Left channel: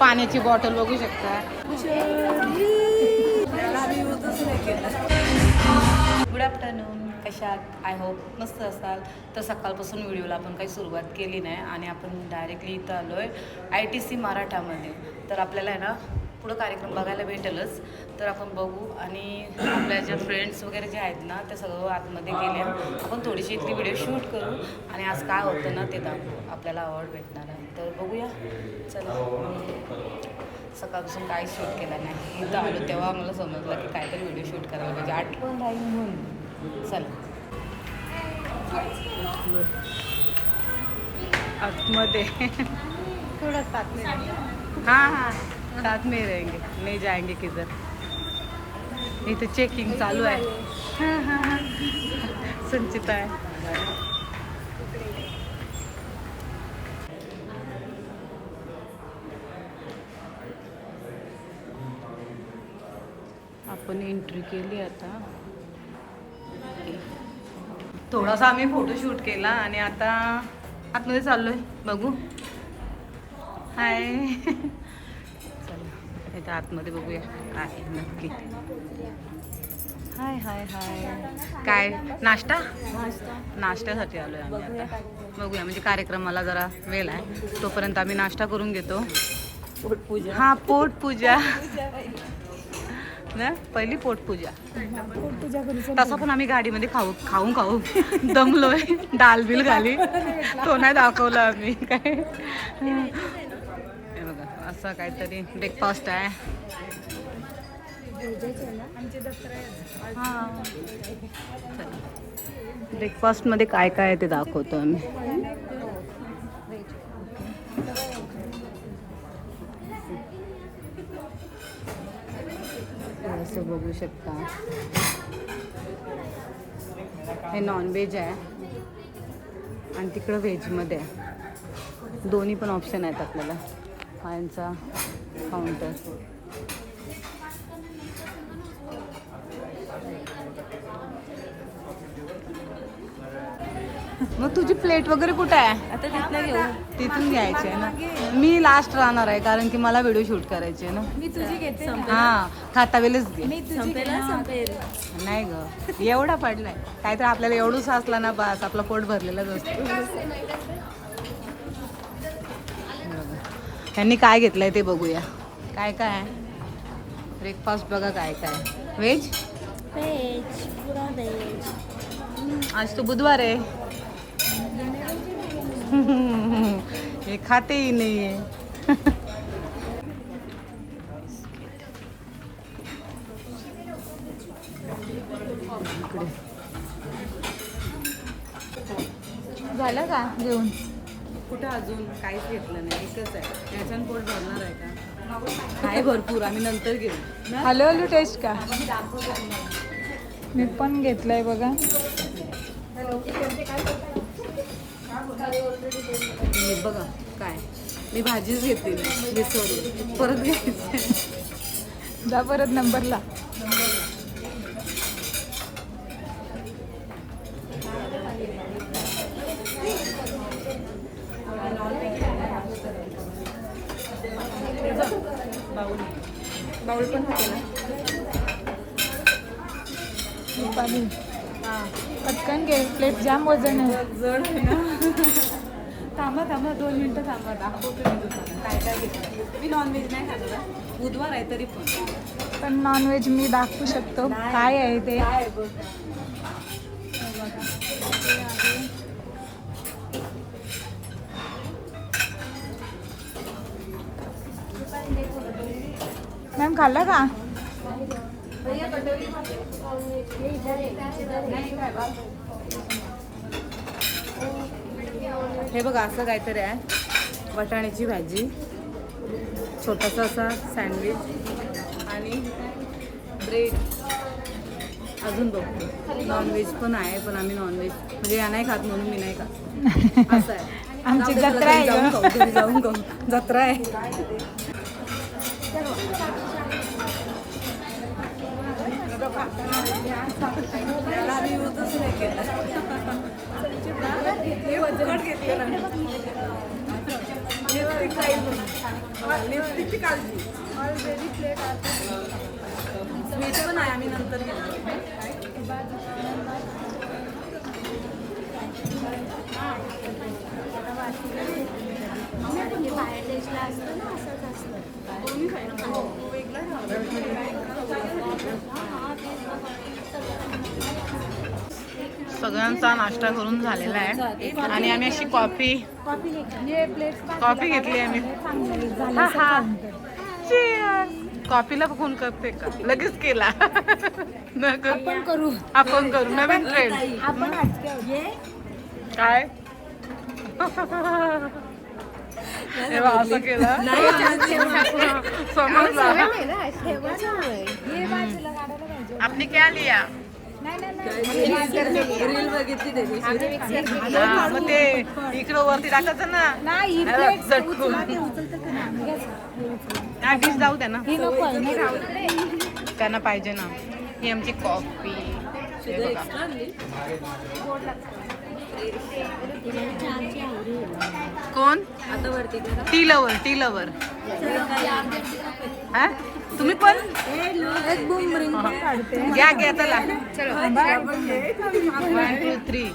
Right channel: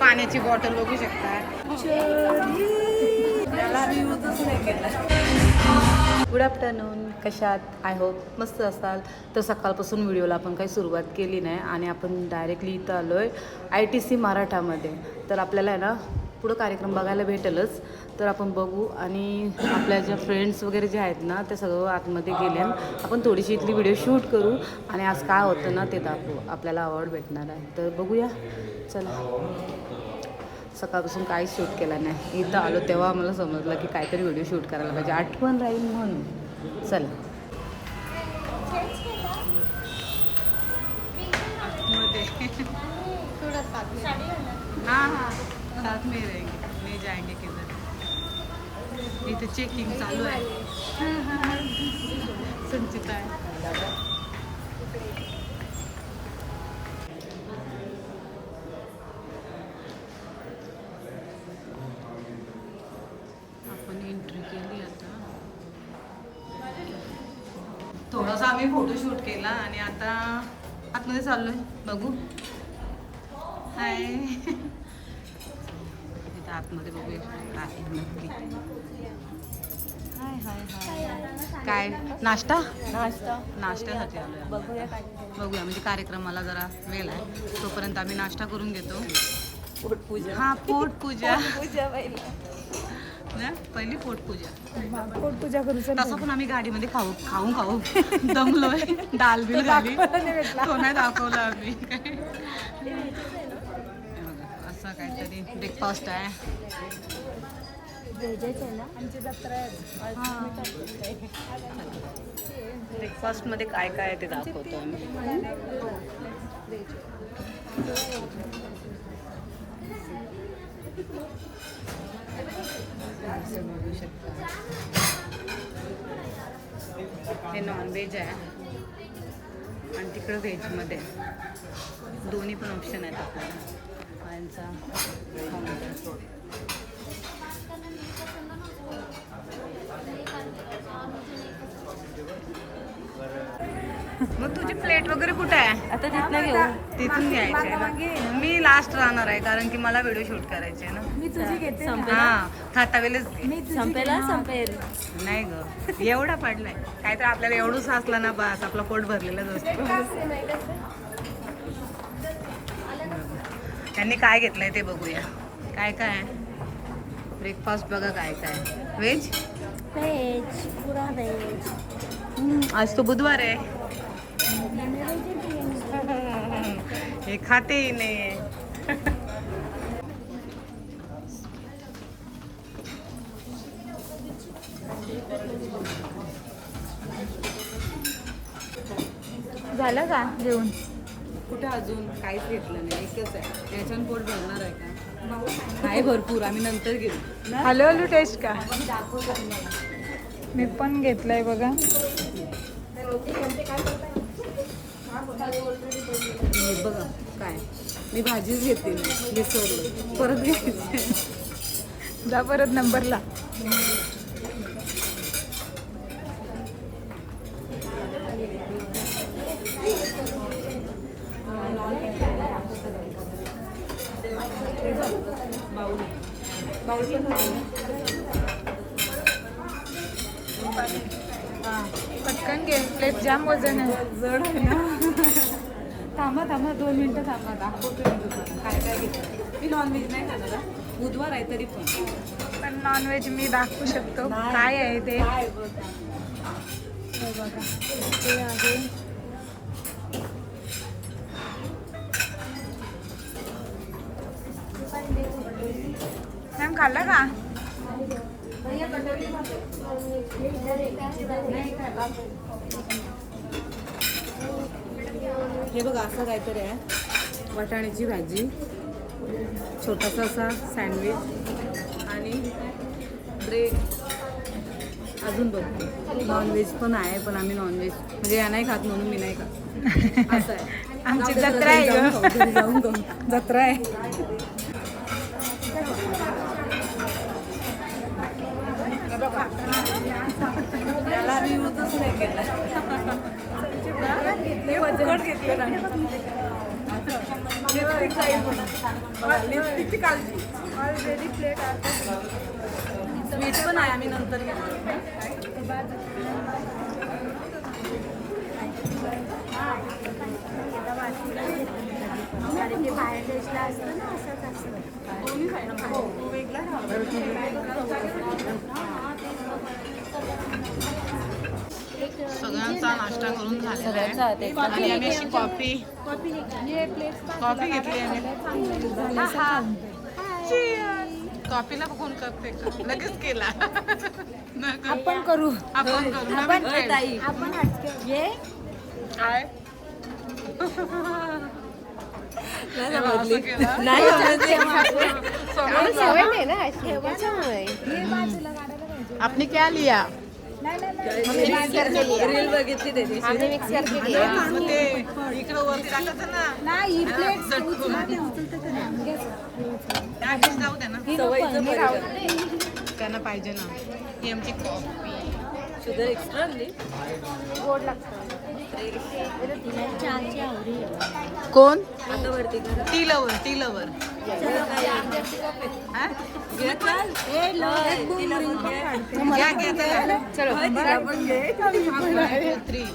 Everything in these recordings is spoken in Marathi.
पाण्याची बॉटल बघू शकता. गुड आफ्टरनून, कशात? आय होप मस्त असतात. तर सकाळपासून व्हिडिओला आपण काही सुरुवात केली नाही आणि आपण डायरेक्टली इथं आलो आहे ITC मराठामध्ये. तर आपल्याला आहे ना पुढं कार्यक्रम बघायला भेटेलच. तर आपण बघू आणि आपल्या ज्या फ्रेंड्स वगैरे जे आहेत ना ते सर्व आतमध्ये गेले. आपण थोडीशी इथली व्हिडिओ शूट करू आणि आज काय होतं ना ते दाखवू. आपल्याला अवॉर्ड भेटणार आहे तर बघूया. चला, सकाळपासून काही शूट केलं नाही. इथं आलो तेव्हा मला समजलं की काहीतरी व्हिडिओ शूट करायला पाहिजे, आठवण राहील म्हणून. चल आतमध्ये. हाँ हाँ साथ में रहेंगे, नहीं जाएंगे किधर. इथे चेकिंग चालू आहे. संचिता आहे. आपण एंट्री केली आता. थोडासा आम्ही फोटोशूट केला आणि आता आतमध्ये चाललोय. बघू. हाय. चला आतमध्ये बघूया काय नक्की. हाय हाय हाय. काय नाश्ता नाश्त्यासाठी आलोय. बघूया म्हणजे कार्यक्रमाला जरा वेळ आहे तोपर्यंत आम्ही नाश्ता करून घेतो. हा पोटपूजा ना, पहिली पोटपूजा करू. तसं पण आम्ही गाडीमध्ये खाऊ दमलोय. डाल बिल घाली तो नाही दाखवलं आम्ही काय. बघा असं काहीतरी ब्रेकफास्ट आहे. हां ब्रेकफास्टमध्ये काय काय आहे ते दाखवतो आम्ही. असं बघू शकता. हे नॉनव्हेज आहे आणि तिकडं व्हेजमध्ये आहे. दोन्ही पण ऑप्शन आहेत आपल्याला. हा यांचा काउंटर. मग तुझी प्लेट वगैरे कुठे आहे? आता तिथनं घेऊ. तिथून घ्यायचे. मी लास्ट राहणार आहे कारण की मला व्हिडिओ शूट करायचे ना. मी तुझी घेते. हा खाता वेळेस संपेल. नाही ग एवढा पडलाय काय तर आपल्याला एवढं साचला ना बस आपला पोट भरलेलाच असतो. त्यांनी काय घेतलंय ते बघूया. काय काय आहे ब्रेकफास्ट बघा. काय काय व्हेज पुरा व्हेज. आज तो बुधवार आहे. हे खाते ही नाही. झालं का जेवण? कुठं अजून काहीच घेतलं नाही. एकच आहे. याच्यानं पोट भरणार आहे का? काय भरपूर आम्ही नंतर घेऊ. हॅलो टेस्ट का? मी पण घेतलंय बघा. बघा काय मी भाजीच घेतली नाही विसरलो. परत घ्यायचं. जा परत नंबरला. बाउल पण हां पटकन घे. प्लेट जाम वजन आहे. जड आहे ना. थांबा 2 मिनटं थांबा. दाखवतो मी तुम्हाला काय काय घेतलं. मी नॉनव्हेज नाही खाणार. बुधवार आहे तरी पण नॉनव्हेज मी दाखवू शकतो काय आहे ते. बघा ते आहे. मॅम खाल्ला का? हे बघा असं काहीतरी आहे. वाटाण्याची भाजी, छोटासा असा सँडविच आणि ब्रेड. अजून बघतो नॉनव्हेज पण आहे पण आम्ही नॉनव्हेज म्हणजे या नाही खात म्हणून मी नाही खात. असं आहे. आमची जत्रा आहे. जाऊन खाऊ. जत्रा आहे. याला मी यूजच नाही केला. लिपस्टिकची काळजी. ऑलरेडी प्लेट आता स्वीट पण आहे, आम्ही नंतर घेणार. कारण ते बाहेर देशला असतं ना असंच असतं. सगळ्यांचा नाश्ता करून झालेला आहे आणि आम्ही अशी कॉफी घेतली आम्ही. कॉफीला बघून करते का लगेच केला. आपण करू नवीन ट्रेंड. काय असं केलं समजलं. आपने क्या लिया? रील बघितली त्याची. मग ते इकडं वरती टाकायचं ना झटकून. डिश जाऊ द्या ना, त्यांना पाहिजे ना. ही आमची कॉफी. शुगर एक्स्ट्रा आणली. कोण? आता वरती करा. Tea lover. हा तुम्ही पण घ्या चला. 1 2 3.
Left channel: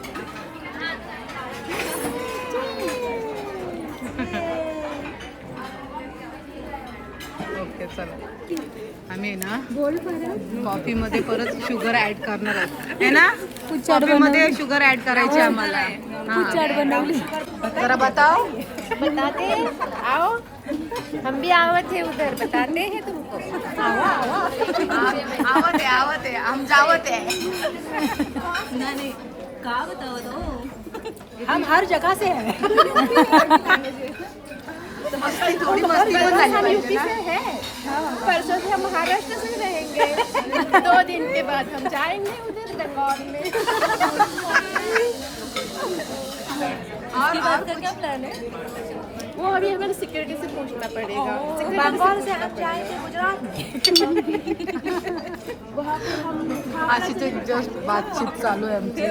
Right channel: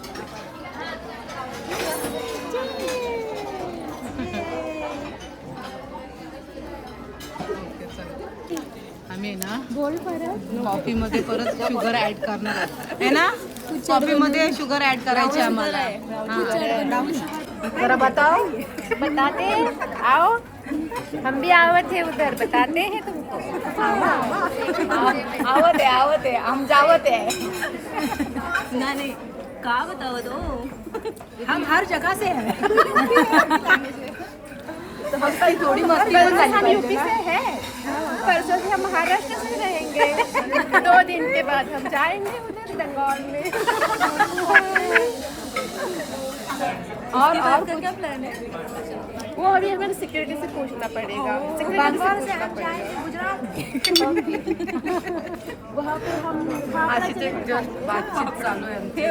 ओके चला. आम्ही आहे ना कॉफी मध्ये परत शुगर ऍड करणार आहे ना. कॉफी मध्ये शुगर ऍड करायची आम्हाला. हा जरा बताओ. बताते आओ, हम भी आवत है उधर, बताते हैं तुमको. आवत है हम जावत है. नहीं का बताओ तो. हम हर जगह से हैं. मस्ती थोडी मस्ती पण झाली पाहिजे ना. परसों से हम महाराष्ट्र से रहेंगे. 2 दिन के बाद हम जाएंगे उधर बंगाल में. और क्या प्लान है? वो अभी हमें सिक्योरिटी से पूछना पड़ेगा. अशी जस्ट बातचीत चालू आहे आमची.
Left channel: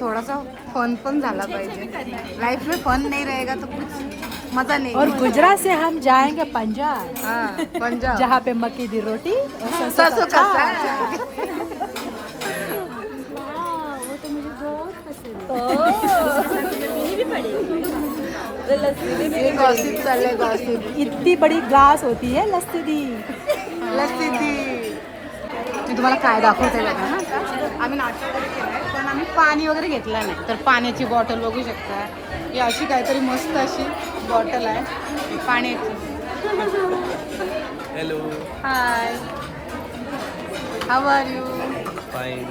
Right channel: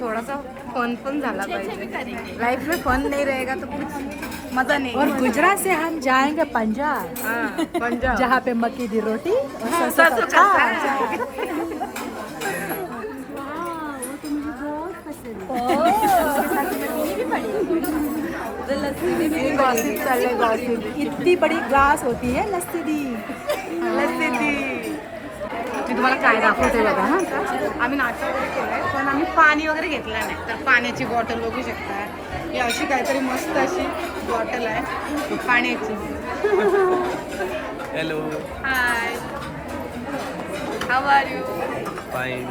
थोडासा फन पण झाला पाहिजे. लाइफ में फन नहीं रहेगा तो कुछ मजा नहीं. गुजरात से हम जाएंगे पंजाब. हाँ पंजाब जहाँ पे मक्की दी रोटी और सरसों का साग. गॉसिप चाललंय गॉसिप. इतनी बड़ी ग्लास होती है लस्सी दी. लस्सी दी. मी तुम्हाला काय दाखवते बघा. हा आता आम्ही नाश्ता वगैरे केलाय पण आम्ही पाणी वगैरे घेतलं नाही. तर पाण्याची बॉटल बघू शकता. ही अशी काहीतरी मस्त अशी बॉटल आहे पाण्याची. Hello. High how are you? Fine.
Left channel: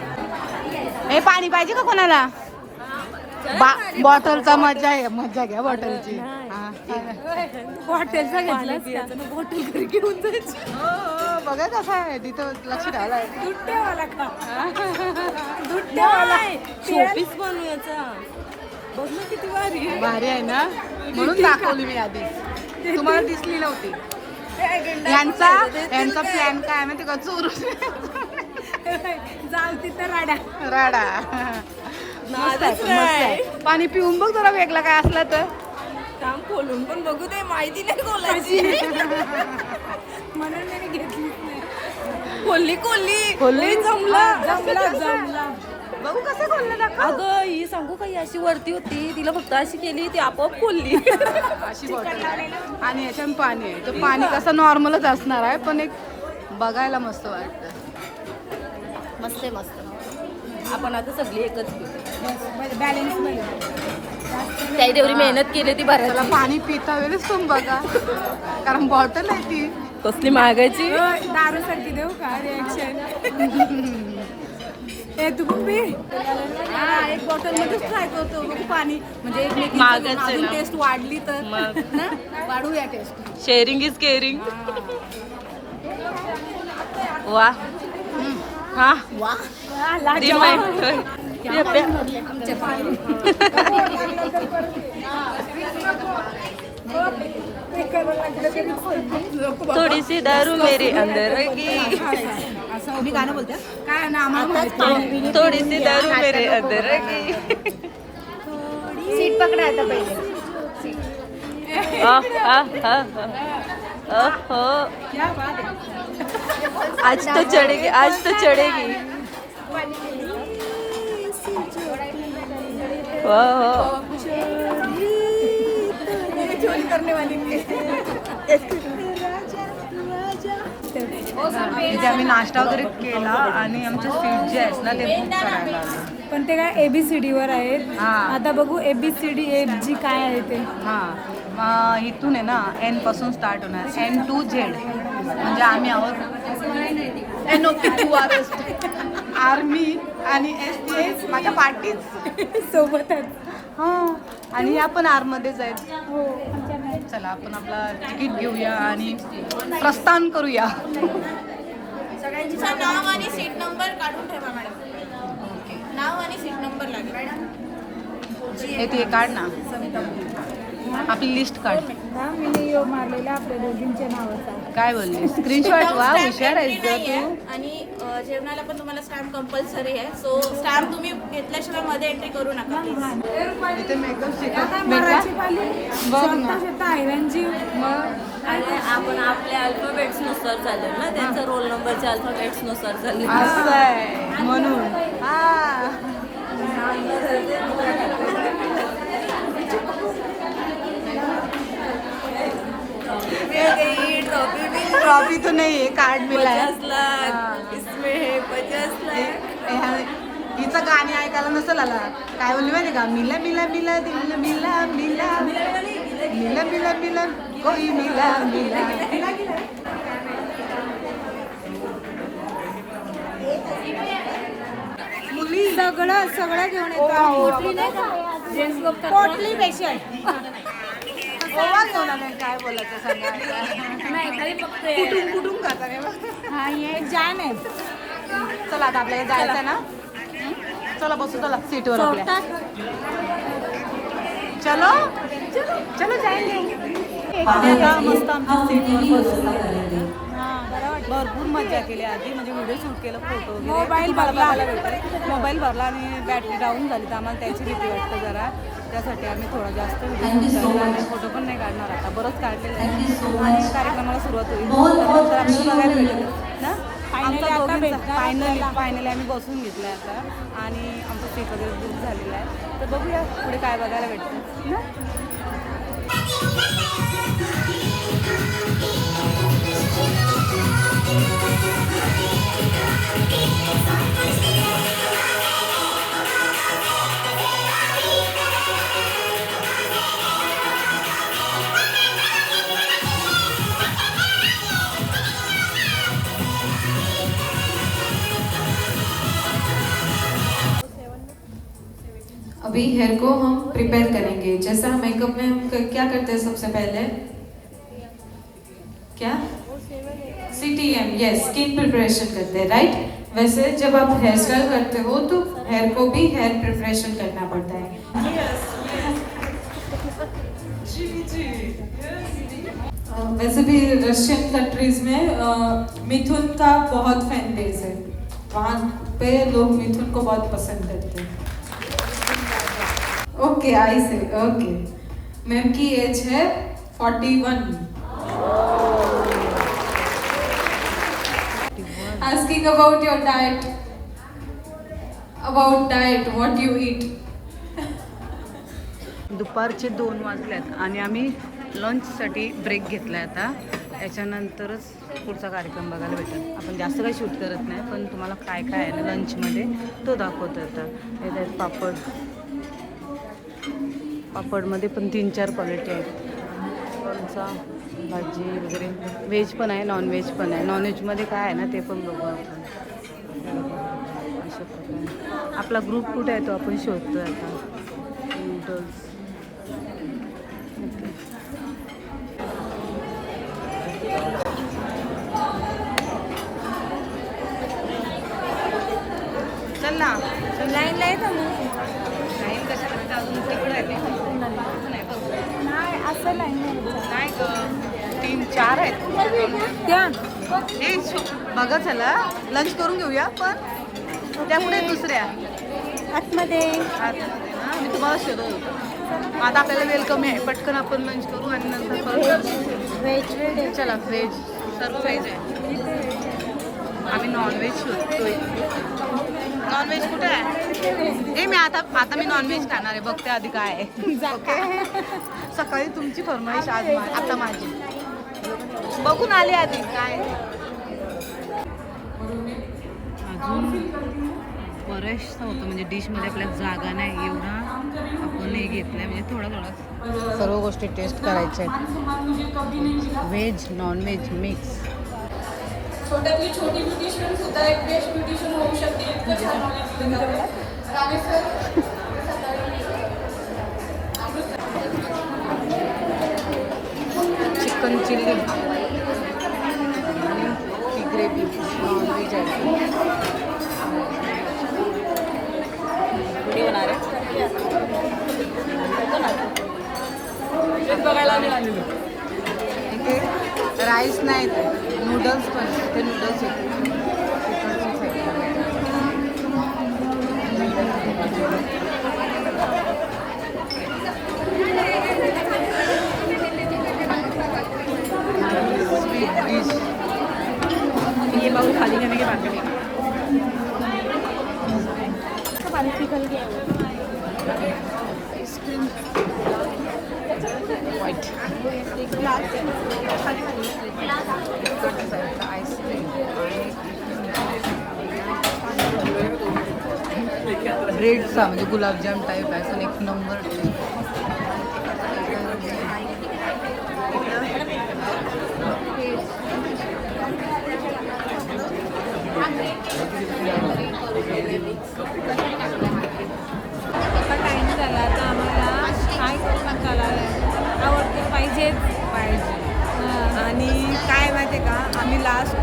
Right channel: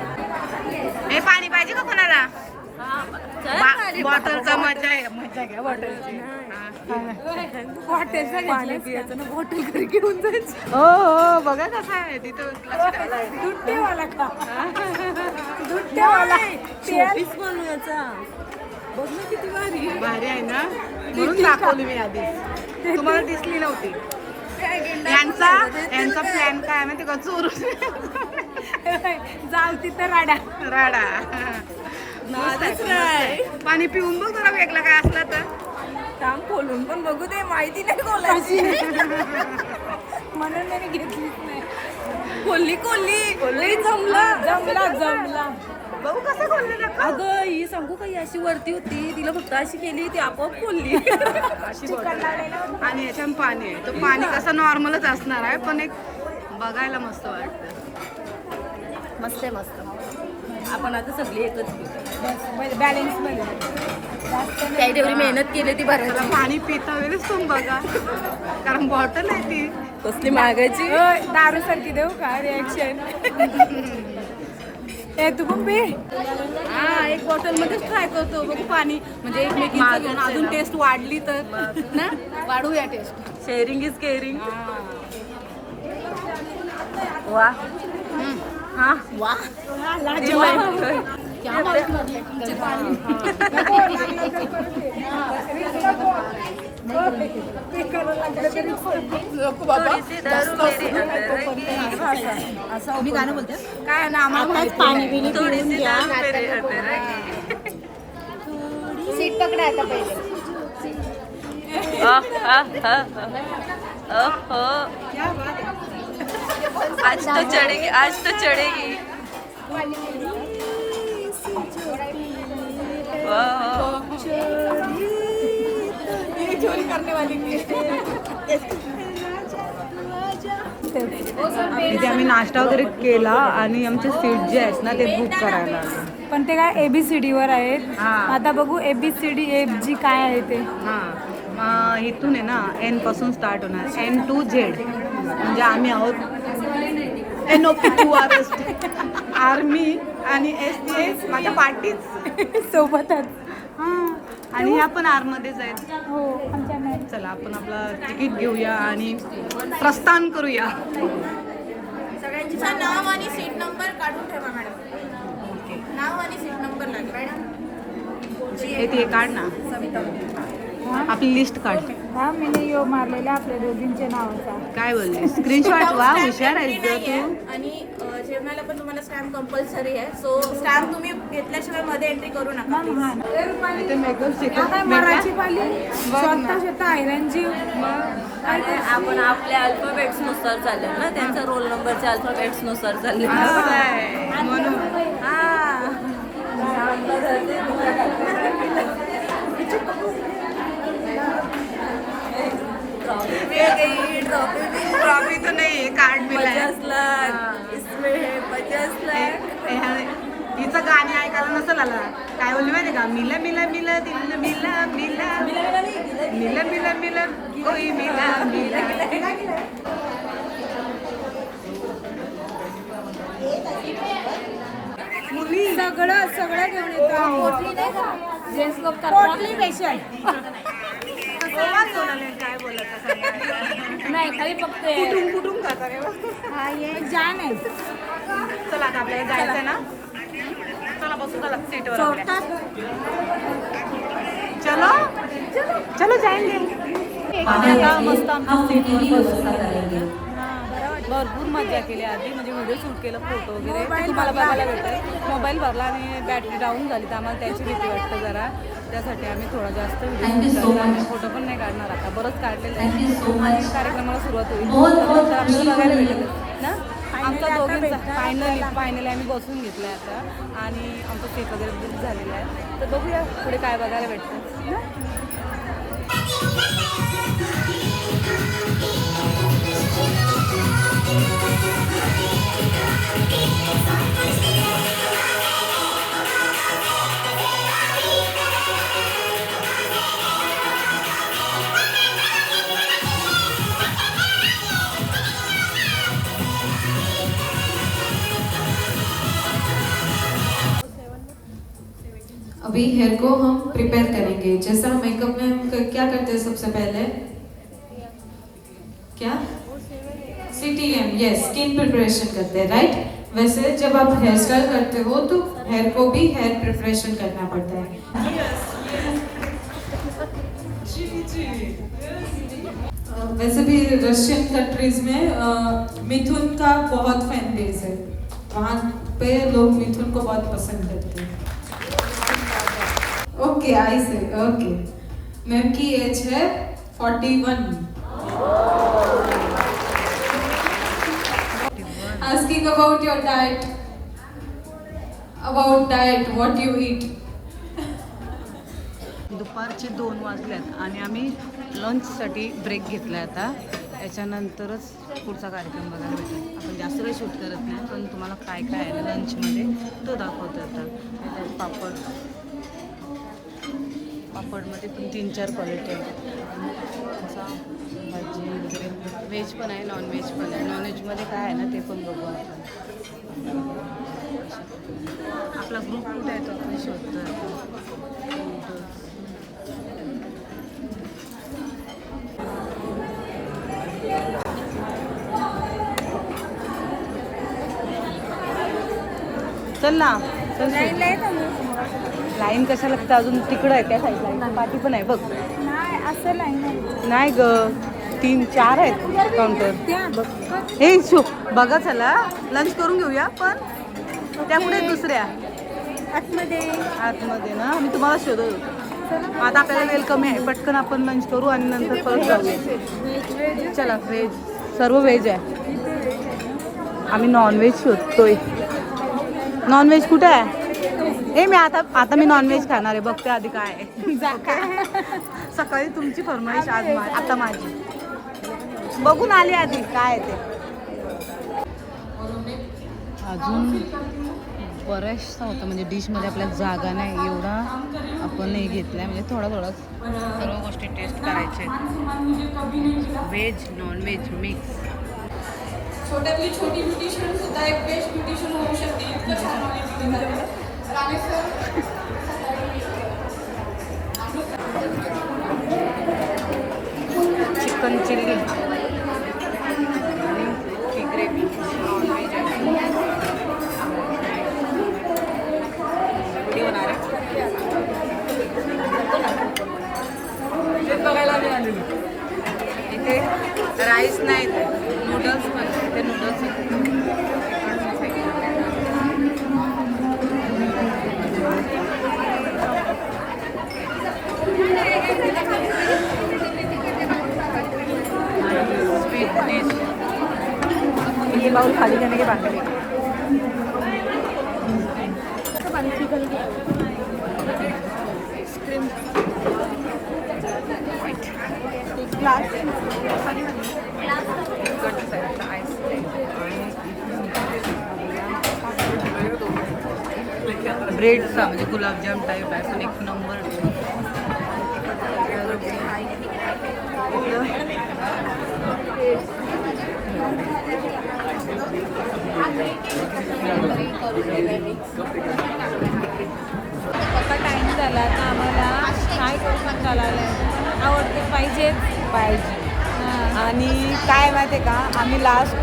हे पाणी पाहिजे का कोणाला? बॉटलचा मजा घ्या बॉटलची. पाणी पियाचं ना बॉटल घरी घेऊन जायचं. हो बघा कसं आहे तिथं लक्ष ठेवायला. शोपीस बनवायचा. बघ ना किती भारी आहे ना. म्हणून दाखवली मी आधी, तुम्हाला दिसली नव्हती. यांचा प्लॅन काय आहे माहिती का? चोरून जाऊ तिथं राडा. मस्त आहे. पाणी पिऊन बघ जरा वेगळा काय असला तर. काम खोलून पण बघू दे. माहिती नाही खोलायची. म्हणून मी घेतलीच नाही. लई जमला. बघू कसं खोललं दाखव. अगं ही सांगू काही अशी वरती होती, तिला फक्त अशी केली, ती आपोआप खोलली. अशी बॉटल आहे आणि याच्यात पाणी आहे. तो पाणी कसं नॉर्मलच असणार आहे पण एक बघायला मस्त वाटतं. मस्त आहे मस्त. आपण आता सगळी एकच घेऊ. बॅलन्स मध्ये काही तेवढी मेहनत केली ती त्याला भरायला. पाणी पिता वेळेस तुम्ही बघा कारण बॉटल आहे ती कसली मागायची. दारू सारखी देऊ का रिॲक्शन? ए तू पण पे. हा एक बॉटल मध्येच ट्राय करतो बघू पाणी म्हणजे एकमेकींची मागायचं अजून ना. टेस्ट वाढली तर ना वाढूया टेस्ट. Sharing is caring. वा हा वा. थोडी सी दारू मेरे अंदर की. मी गाणं बोलते काय ना आम्हाला माहिती. थोडी सी दारू मेरे अंदर की. सीट पकडायचं पहिले. आज तो चढ़ेगी, आज तो चढ़ेगी. तिथे आम्ही नाश्ता वगैरे केला आणि आमचे सीट जे आहेत ना ते बुक करायला आले. पण ते काय ABCD वर आहेत. हा. आता बघू ABCD FG काय आहे ते. हां इथून आहे ना N पासून स्टार्ट होणार N to Z म्हणजे आम्ही आहोत NOP तू आर्मी आणि STS माझ्या पार्टीच सोबतच. हां आणि ह्या पण आरमध्येच आहेत. हो आमच्या मॅम. चला आपण आपला तिकीट घेऊया आणि प्रस्थान करूया. सगळ्यांचं नाव आणि सीट नंबर काढून ठेवा मॅडम. ओके नाव आणि सीट नंबर लागेल. हे ते काढ ना आपली लिस्ट काढ. हा मी यो मारलेला आपल्या दोघींच्या नावाचा. काय बोलली स्क्रीनशॉट वा हुशार आहेस ग तू. आणि जेवणाला पण तुम्हाला स्टॅम्प कंपल्सरी आहे. सो स्टॅम्प तुम्ही घेतल्याशिवाय मध्ये एंट्री करू नका प्लीज. इथे मेकअप मराठी पाली स्वतः आयरनजी. आणि आपण आपल्या अल्फाबेट्स नुसार चालेल ना त्यांचा रोल नंबरच्या अल्फाबेट्स नुसार चालेल. असं आहे म्हणून हा ट्रॉफी तो नहीं है कार्ड मिला है. 50 लाख इसमें है 50 लाख. हिचं गाणी ऐकायला नसेल आला. काय बोलली माहिती का मिला मिला मिला दिल मिला मिला मिला मिला मिला कोई मिला मिला. मुली सगळं सगळं घेऊन येतो. पोटली पेशंट. काय बोलायचं सांगा. कुठून कुठून खाता काय एक जाम आहे. चला आता आपल्याला जायचं ना. चला बसू चला सीटवर. चलो चलो चलो जाएंगे. आता मस्त आमच्या सीटवर बसू. भरपूर मजा केली आधी म्हणजे व्हिडिओ शूट केलं फोटो वगैरे ते तुम्हाला बघायला भेटेल. मोबाईल भरला आणि बॅटरी डाऊन झाली तर आम्हाला त्याची भीती वाटतं जरा. त्यासाठी आम्ही थोडा जास्त व्हिडिओ शूट करतो आणि फोटो पण नाही काढणार आता बरंच काढलेलं आहे. आणि कार्यक्रमाला सुरुवात होईल तर आपल्याला बघायला भेटेल ना. आमचा दोघींचा फायनली आम्ही बसून घेतला आहे आता आणि आमचं सीट वगैरे बुक झालेलं आहे. तर बघूया पुढे काय बघायला भेटतं ना. अभी हेयर को हम प्रिपेयर करेंगे. जैसा मेकअप में हम क्या करते हैं सबसे पहले क्या CTM यस स्किन प्रिपरेशन करते हैं राइट. वैसे जब आप हेयर स्टाइल करते हो तो हेयर को भी हेयर प्रिपरेशन करना पड़ता है. वैसे भी रशियन कंट्रीज में मिथुन का बहुत फैन बेस है. वहाँ पे लोग मिथुन को बहुत पसंद करते हैं. Okay I say okay. Ma'am की एज है 41. Asking about your diet. About diet, what you eat. दुपारचे 2 वाजल्यात आणि आम्ही लंचसाठी ब्रेक घेतला आहे आता. याच्यानंतरच पुढचा कार्यक्रम बघायला भेटेल. आपण जास्त काही शूट करत नाही पण तुम्हाला काय काय आहे ना लंचमध्ये तो दाखवतो आता. हे आहेत पापडमध्ये पण 3-4 क्वालिटी आहेत. लोणचा भाजी वगैरे व्हेज पण आहे नॉन व्हेज पण आहे. नॉन व्हेजमध्ये काय आहे ना ते पण बघू आपण. अशा प्रकारे आपला ग्रुप कुठे आहे तो आपण शोधतोय आता. नूडल्स चल ना लाईनला येतो लाईन कसं लागतं अजून तिकडं आहे काय पाठीचं नाही बघ. नाही असं लाईन नाही ग 3-4 आहेत काउंटर. त्या हे शुभ बघा चला लंच करून घेऊया पण त्या पुढे दुसऱ्या आतमध्ये आतमध्ये ना मी तुम्हाला शोधत होतो. आता आपल्याला वेळ कमी आहे, पटकन आपण लंच करू आणि नंतर परत जाऊ. चला व्हेज, सर्व व्हेज आहे. आम्ही नॉनव्हेज शोधतोय. नॉनव्हेज कुठं आहे? मी आता मी नॉनव्हेज खाणार आहे, बघते आधी काय आहे. सकाळी तुमची फरमाईश, आज आता माझी. बघून आले आधी काय. अजून बऱ्याचसा होतं, म्हणजे डिशमध्ये आपल्याला जागा नाही एवढा आपण हे घेत नाही, म्हणजे थोडा सर्व गोष्टी टेस्ट करायच्या आहेत. Veg non veg mix. छोट्यातली छोटी ब्युटिशियन सुद्धा एक बेस्ट ब्युटिशियन होऊ शकते. इतकं छान knowledge दिलं जातं. रामेश सर, चिकन चिल्ली आणि ही ग्रेव्ही नॉनव्हेज आहे. कुठे होणार आहे? इथे राईस नाही, नूडल्स पण, इथे नूडल्स होते. Sweet dish. ये बाउल खाली करने के बाद में निकल गया ब्रेडचा म्हणजे गुलाबजाम टाईप आहे, असं एक नंबर. आता टाईम झाला, तर आम्हाला काय डोसा चालायला आहे. आवडते पाहिजे. आणि काय माहिती आहे का, आम्ही लास्ट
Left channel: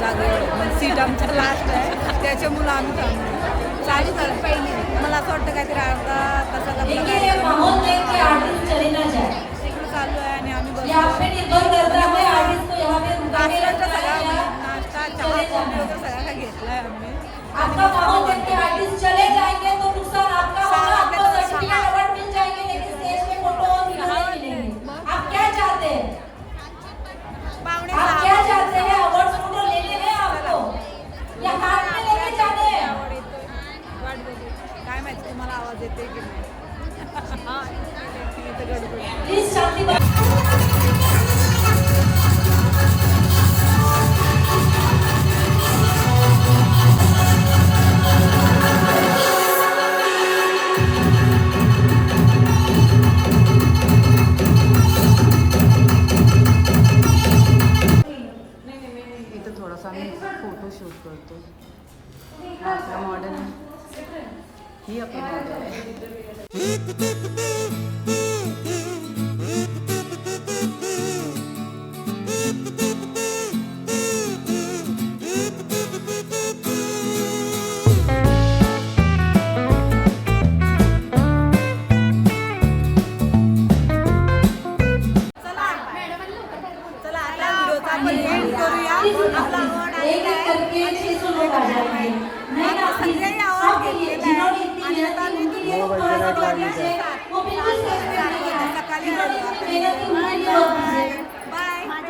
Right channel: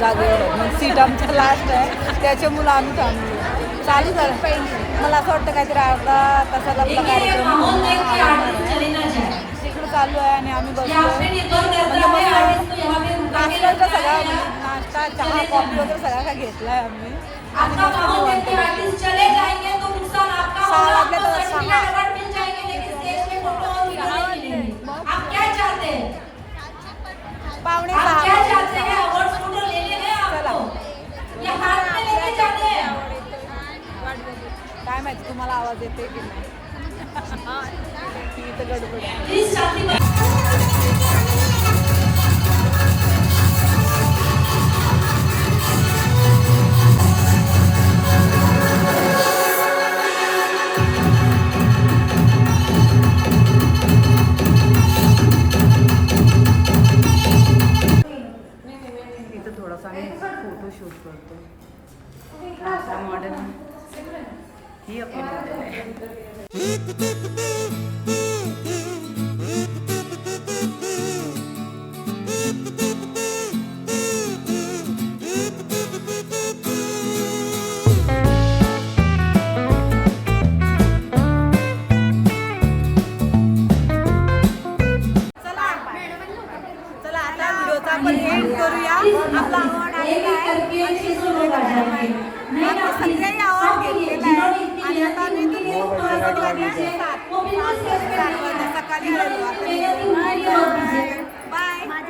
जागेवर आहे, म्हणजे सीट आमचा लास्ट आहे, त्याच्यामुळं आम्ही थांबलो. चालू झालं. मला असं वाटतं काहीतरी आता तसाच आपला कार्यक्रम आवडणार आहे. तिकडं चालू आहे आणि आम्ही बसलो. म्हणजे मग नाश्त्याचा सगळा, म्हणजे नाश्ता चहा कॉफी वगैरे सगळा काय घेतला आहे आम्ही. आणि मस्त निवांत बसलो. 6 वाजले तर 6 पावणे 6 चला. आवड येतो, वाट बघू. काय माहिती तुम्हाला आवाज येते की नाही. इथं गडबड आहे. इथं थोडासा आम्ही फोटो शूट करतो. आपला मॉडेल, ही आपली मॉडेल आहे. चला आता व्हिडिओचा आपण एंड करूया. आपला आवड आलेला आहे आणि सगळ्यांनी आवड घेतलेला आहे. आणि आता आम्ही इथून वाजल्या 7 सकाळी आलेलो. आता बाय.